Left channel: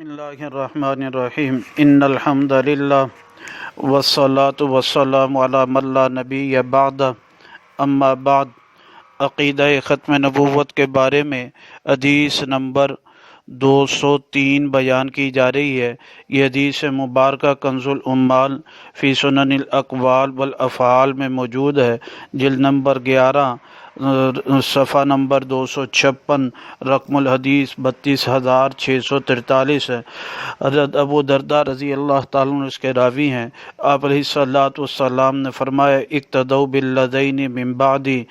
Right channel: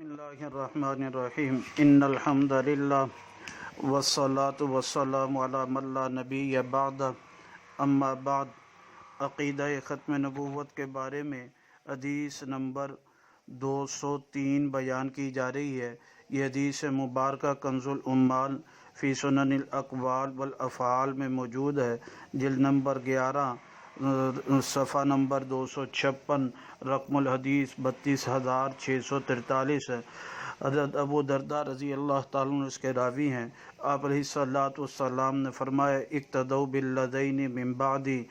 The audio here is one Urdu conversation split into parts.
بسم اللہ الرحمن الرحیم ان الحمد للہ والصلاة والسلام علی من لا نبی بعد اما بعد۔ عقیدہ ختم نبوت کے بارے میں حدیث نمبر 203 بیان کی جا رہی ہے۔ یہ حدیث مبارکہ کنز العمال فی سنن الاقوال والافعال میں موجود ہے، جلد نمبر 11 صفحہ نمبر 256، رقم الحدیث 32,643 ہے۔ حضرت ابو درداء رضی اللہ تعالیٰ عنہ اس کے راوی ہیں۔ آپ علیہ الصلوۃ والسلام نے فرمایا اقتدوا بالذین من بعدی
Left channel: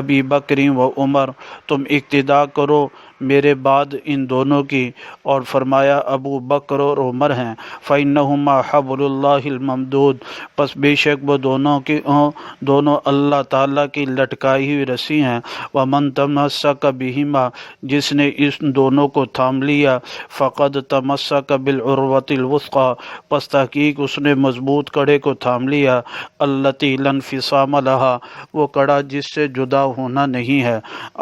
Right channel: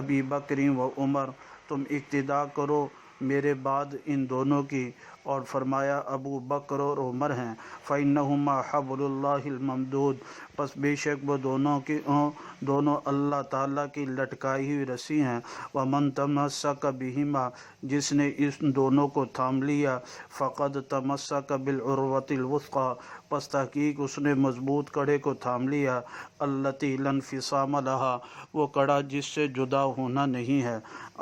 ابی بکر و عمر، تم اقتدا کرو میرے بعد ان دونوں کی، اور فرمایا ابو بکر اور عمر ہیں۔ فإنہما حبل اللہ الممدود، پس بے شک وہ دونوں اللہ تعالیٰ کی لٹکائی ہوئی رسی ہیں۔ ومن تمسک بہما، جس نے اس دونوں کو تھام لیا، فقد تمسک بالعروۃ الوثقی، پس تحقیق اس نے مضبوط کڑے کو تھام لیا، التی لا انفصام لہا، وہ کڑا جس سے جدا ہونا نہیں ہے۔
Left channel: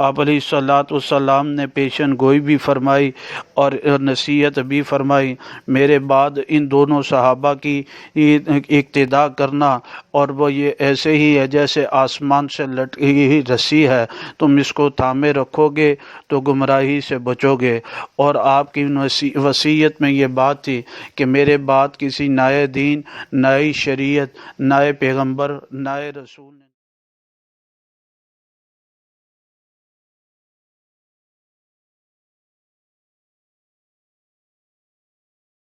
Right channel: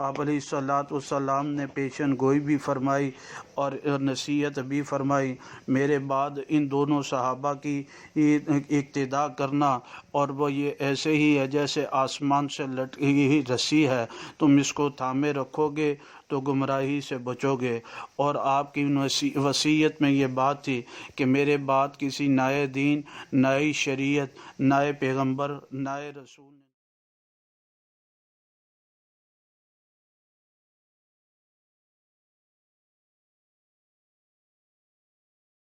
آپ علیہ الصلوۃ والسلام نے پیشن گوئی بھی فرمائی اور نصیحت بھی فرمائی، میرے بعد ان دونوں صحابہ کی اقتدا کرنا، اور وہ یہ ایسے ہی ہے جیسے آسمان سے لٹکی ہوئی رسی ہے، تم اس کو تھامے رکھو گے تو گمراہی سے بچو گے۔ اور آپ کی وصیت میں یہ بات تھی کہ میرے بعد کسی نئے دین، نئی شریعت، نئے پیغمبر، نئے رسول